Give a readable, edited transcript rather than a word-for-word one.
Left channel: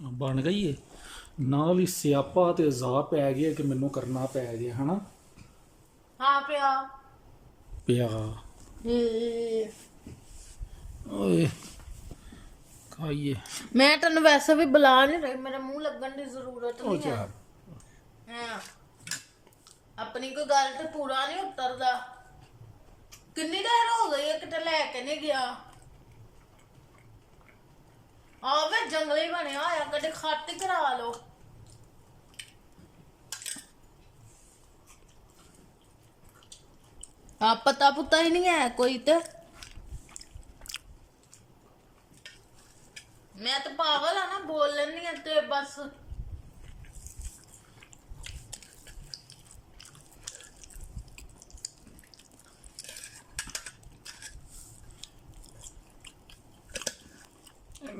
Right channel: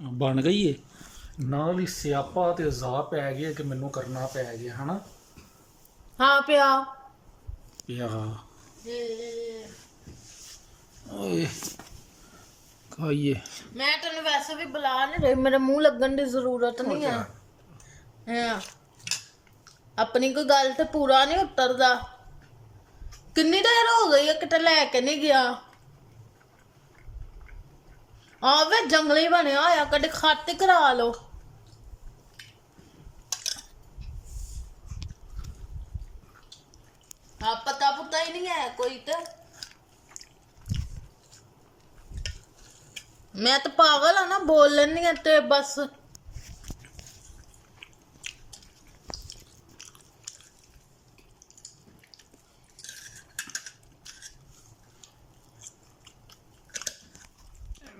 ਬਣ ਗਈ ਏ ਨਾਲ ਹੀ ਸਿਆਪਾ ਤੇ ਅਜ਼ਾ ਪੈ ਗਿਆ ਕਿ ਮੈਨੂੰ ਕਰਨਾ ਪੈ ਗਿਆ ਹਨਾ। ਹਾਂ ਪਿਆ ਓਏ ਖਾਈਏ। ਮੈਂ ਤੈਨੂੰ ਵੈਸੇ ਵੀ ਬੁਲਾ ਨਹੀਂ ਰਹੀ, ਮੇਰੇ ਮੂੰਹ ਲੱਗਣ ਦੀ ਜ਼ਰੂਰਤ ਨਹੀਂ ਹੈ। ਹਾਂ ਆਪਣੀ ਕੋਈ ਗੱਲ ਤੇ ਪੂਰਾ ਨਹੀਂ ਉਤਰਦਾ। ਕਿੰਨੀ ਦੇਰ ਹੋ ਗਈ ਹੈ ਕਿਤੇ ਲੈ ਕੇ ਨਹੀਂ ਗਿਆ। ਆਵੇ ਜੰਗਲੀ ਬਣਿਆ ਹੋਇਆ, ਕਦੇ ਖਾਤੇ ਕਰਾ ਲਓ। ਪਤਾ ਪੁੱਤਾ ਹੀ ਨਹੀਂ ਹੈ ਕੋਈ ਤੇ। ਮੈਂ ਤਾਂ ਪਾਗਲ ਆ ਨਾ, ਬੋਲ ਲੈਣੀ ਆ ਤੇ ਬਸ।